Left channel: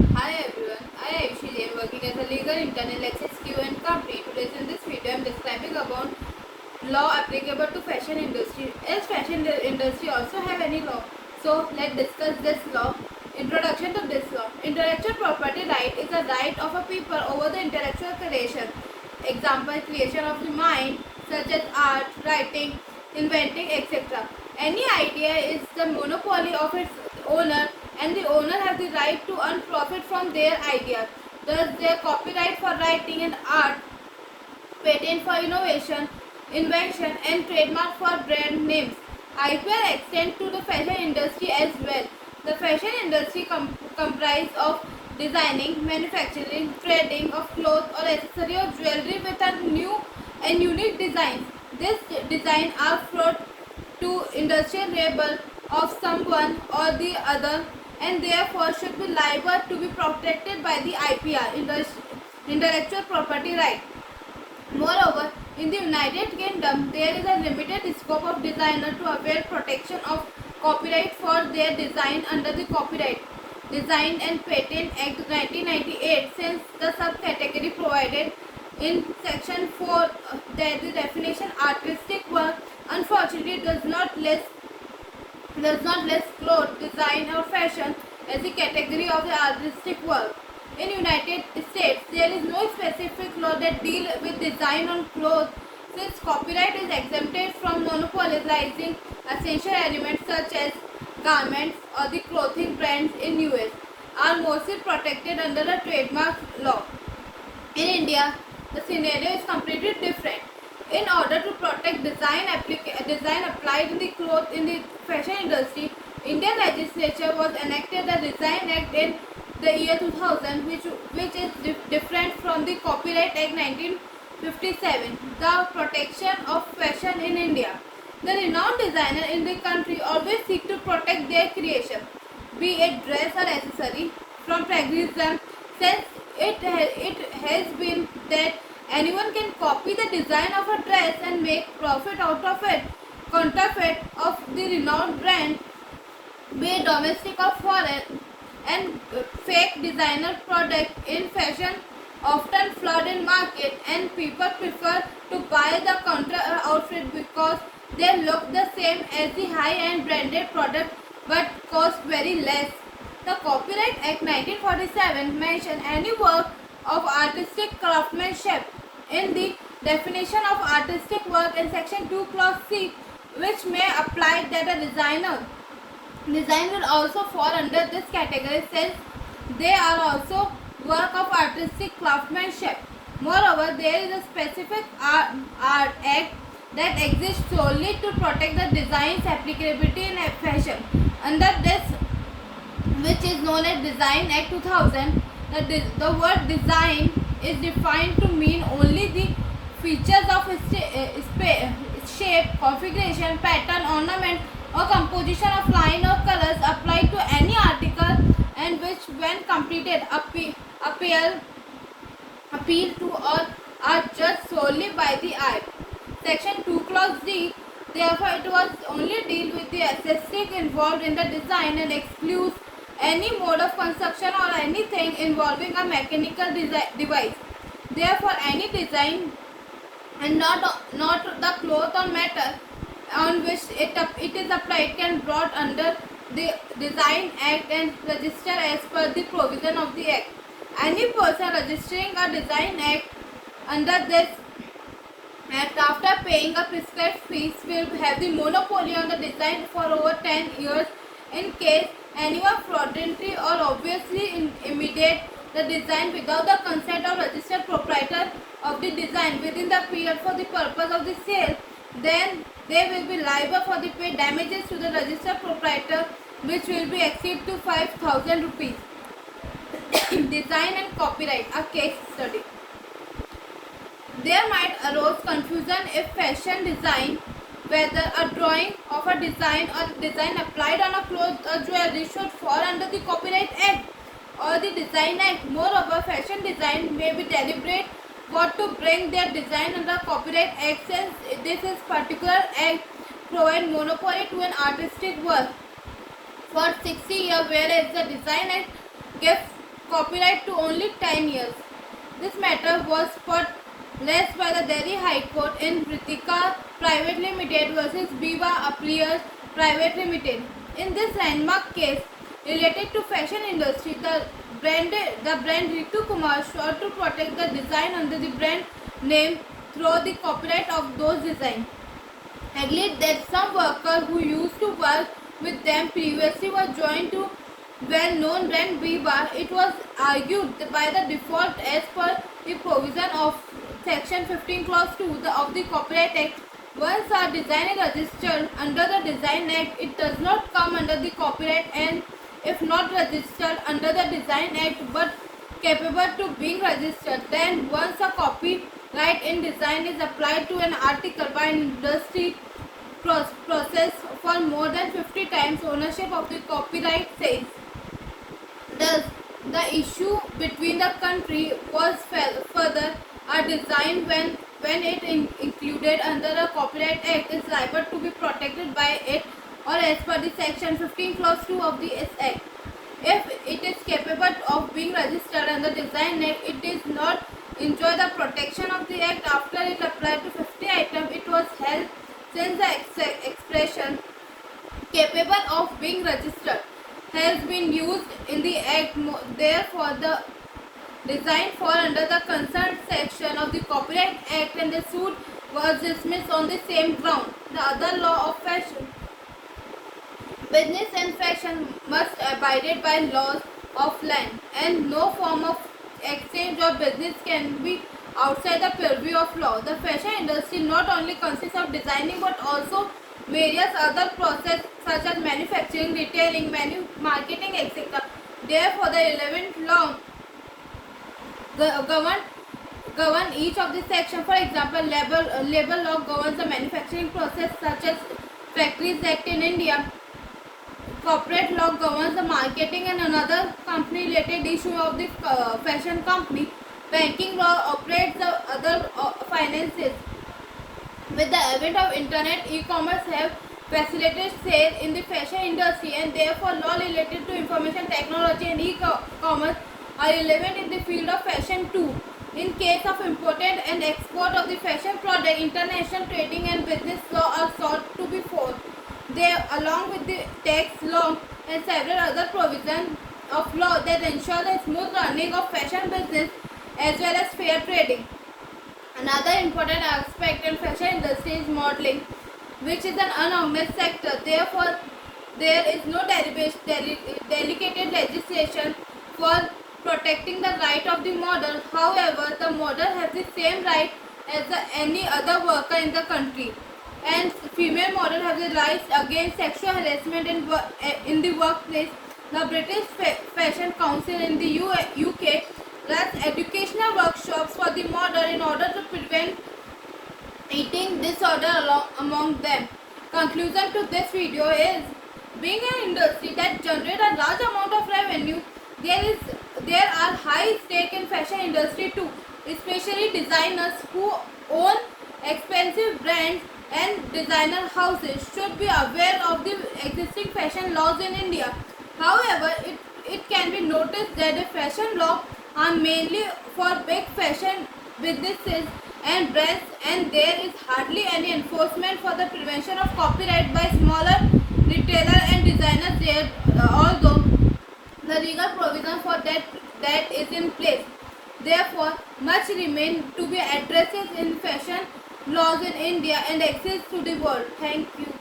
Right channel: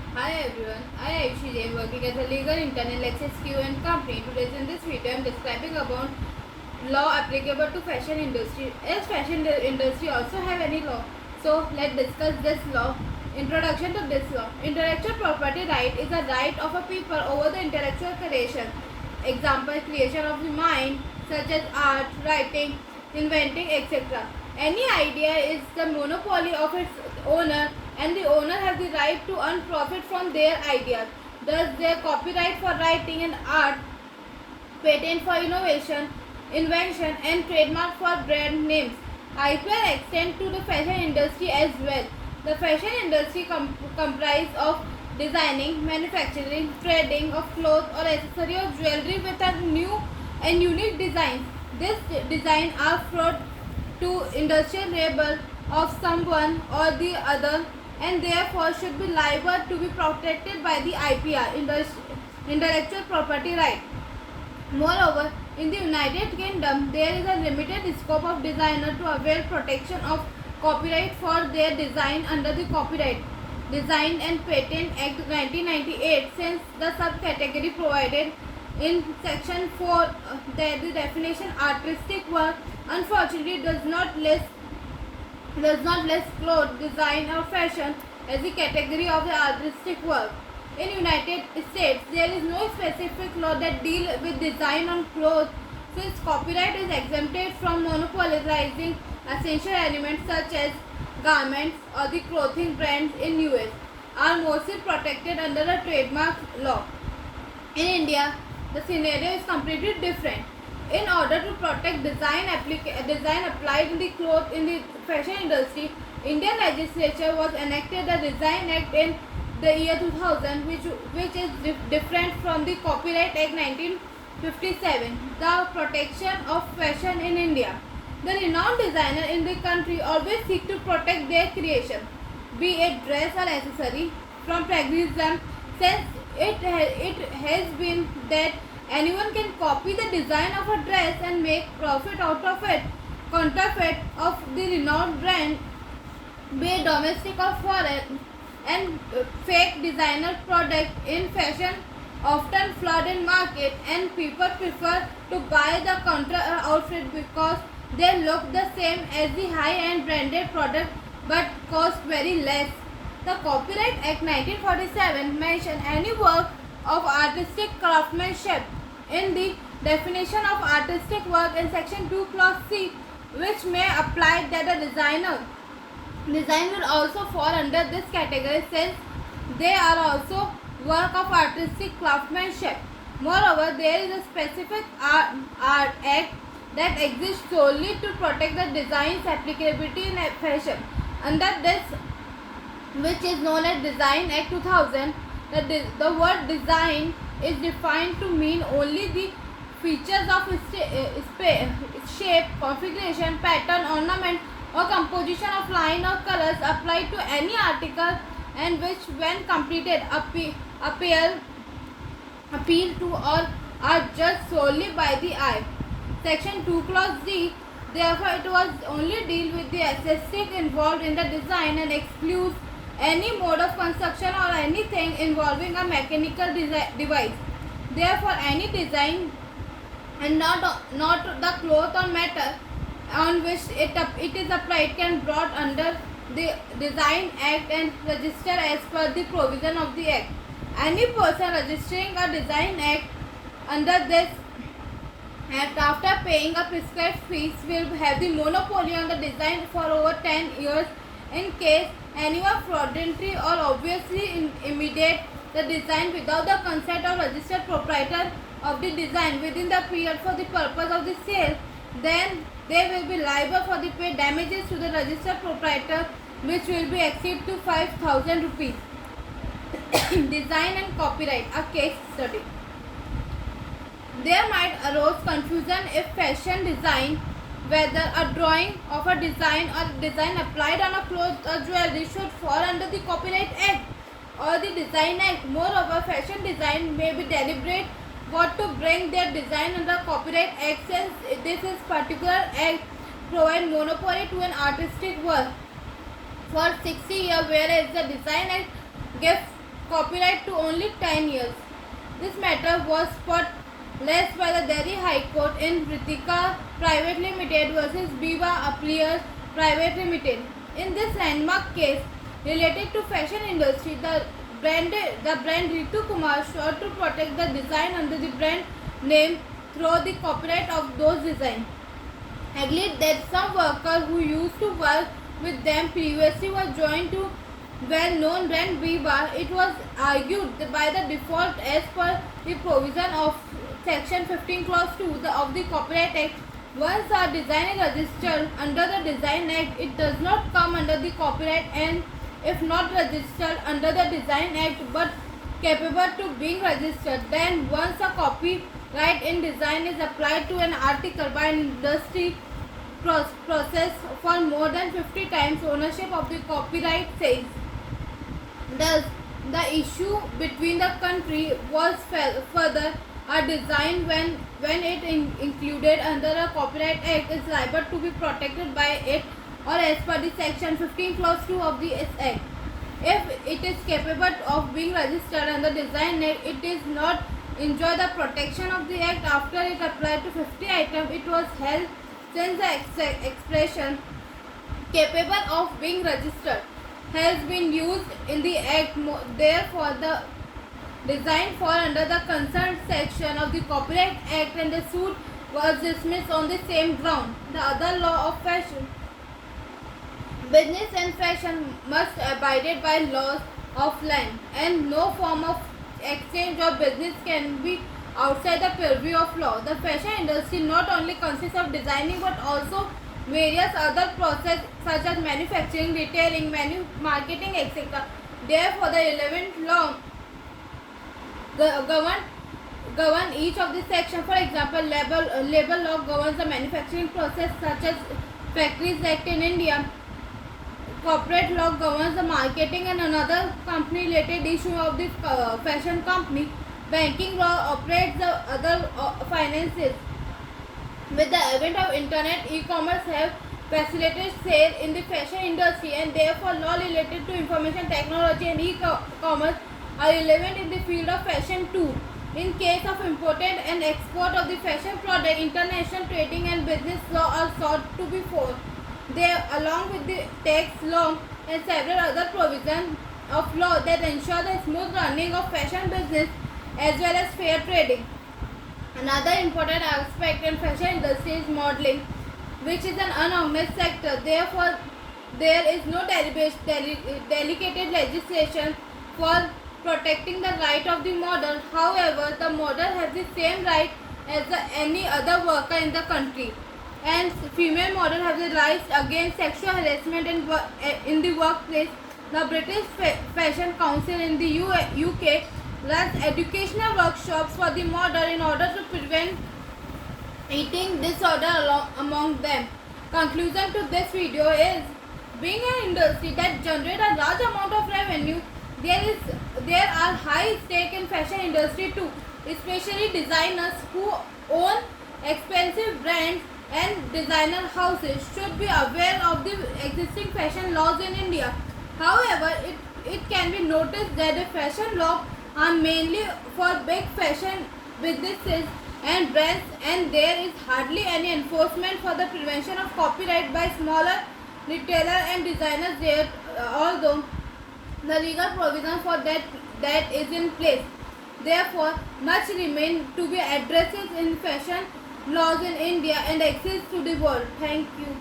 Hi everyone, I am Ayushi Jain working as a legal intern in Lexis Q&A company. Today in this video I am describing about law applicable to fashion industry. As fashion industry also have any law? So let's discuss this law. Introduction to this law. Intellectual property right is a right of a people over the intellectual creation. Example, creation of the mind such as art, writing, inventing, etc. Any idea is the monopoly of its owner and the owner has the right to earn profit from their ideas. Thus, their copyright for writing and art, patent for innovation, invention, and trademark for brand names. IPR extend to the fashion industry as well. The fashion industry comprises of designing, manufacturing, trading of clothes or accessory or jewelry with a new and unique designs. These designs are brought to industrial label of someone or the other and therefore should be liable to be protected by the IPR, intellectual property right. Moreover, in the United Kingdom, there is a limited scope of designer to avail protection of copyright for their design under the Copyright Design and Patent Act 1998, since the subcategory provided in Section 4 that the definition artistic work unfortunately does not list clothes, design or fashion as the category of the artistic work. In United States, there is no specific law that deal with design on clothes, since copyright is exempted from monopolizing essential elements such as garments or the clothing brands in US are mostly protected under the trademark law. In India, the scenario is completely different. In order to protect design applied in the cloth in the fashion industry, Indian legislature was enacted the Design Act in the year 2000, which is different from the Copyright Act 1957. The protection of fashion in India. The renowned designer in the country always seek to protect their creation, be it dress or accessory, from plagiarism, since it has been that anyone can copy the design of a dress and make profit out of it. Counterfeit of the renowned brand, be it domestic or foreign, and fake designer product in fashion often flood in market and people prefer to buy the counter outfit because they look the same as the high-end branded product but cost very less. The Copyright Act 1947 mentions any work of artistic craftsmanship in the definition of artistic work in section 2 clause C, which may apply that the design will also fall under this category since they are also work of artistic craftsmanship. Moreover, there is a specific art act that exists solely to protect the design's applicability in fashion. Under this, which is known as Design Act 2000, the word design is defined to mean only the features of shape, configuration, pattern, ornament, or composition of line or colors applied to any article and which, when completed, appeal to or are judged solely by the eye. Section 2 clause D, therefore it was only deal with the aesthetic involved in the design and excludes any mode of construction or anything involving a mechanical device. Therefore, any design and not the cloth or metal on which it is applied can brought under the Design Act and register as per the provision of the Act. Any person registering a Design Act under this Act after paying a prescribed fees will have the monopoly on the design for over 10 years. In case anyone fraudulently or obviously imitate the design without the consent of registered proprietor of the design within the period for the purpose of the sale, then they will be liable for the pay damages to the registered proprietor, which will be exceed to 5,000 rupees. Design and copyright, a case study. There might arise confusion if fashion design, whether a drawing of a design or design applied on a cloth or jewelry should fall under the Copyright Act or the Design Act. Moreover, fashion design may be deliberate what to bring their design under Copyright Act, since this is particular act provide monopoly to an artistic work for 60 years, whereas the Design Act gives copyright to only 10 years. This matter was put last by the Delhi High Court in Ritika Private Limited versus Biba Appliers Private Limited. In this landmark case related to fashion industry, the brand Ritu Kumar sought to protect the design under the brand name through the copyright of those designs. Agreed that some workers who used to work with them previously were joined to well-known brand Biba. It was argued by the default as per the provision of Section 15 Clause 2 of the Copyright Act. Once a design is registered under the Design Act, it does not come under the Copyright, and if not registered under the Design Act but capable to being registered, then once a copyright in design is applied to an article by an industry process for more than 50 times, ownership of the copyright says. Thus, the issue between the country was further a design when it included under the Copyright Act is liable to be protected by it or as per the Section 15 Clause 2 of the Act. If it is capable of being registered under Design Act, it is not enjoy the protection of the Act after it applied to 50 items. It was held since the expression capable of being registered has been used in the Act. Therefore, the design fall under the concerned section of the Copyright Act and the suit was dismissed on the same ground. The other law of fashion. Business and fashion must abide by laws of land, and no form of exchange or business can be outside the purview of law. The fashion industry not only consists of designing but also various other processes such as manufacturing, retailing, marketing, etc. Therefore, the relevant law govern each of the sections. For example, labor law governs the manufacturing process such as Factories Act in India. Corporate law governs the marketing and another company related issue of the fashion company. Banking law operates the other finances. With the advent of internet, e-commerce have facilitated sale in the fashion industry, and therefore law related to information technology and e-commerce are relevant in the field of fashion too. In case of import and export of the fashion product, international trading and business law are sought to be followed. They, along with the tax law and several other provisions of law that ensure the smooth running of fashion business as well as fair trading. Another important aspect in fashion industry is modeling, which is an unorganized sector. Therefore, there is no dedicated legislation for protecting the right of the model. However, the model has the same right as any other worker in the country, and female model have the rights against sexual harassment in the workplace. The British Fashion Council in the UK runs educational workshops for the model in order to prevent eating disorder among them. Conclusion to this video is, being an industry that generates a large amount of revenue, there are high stake in fashion industry too, especially designers who own expensive brands and designer houses should be aware of the existing fashion laws in India. However, it can be noticed that the fashion laws are mainly for big fashion businesses and brands, and there is hardly any enforcement for the prevention of copyright by smaller retailers and designers there, although the legal provision for that is in place. Therefore, much remains to be addressed in fashion laws in India and access to the world. Thank you.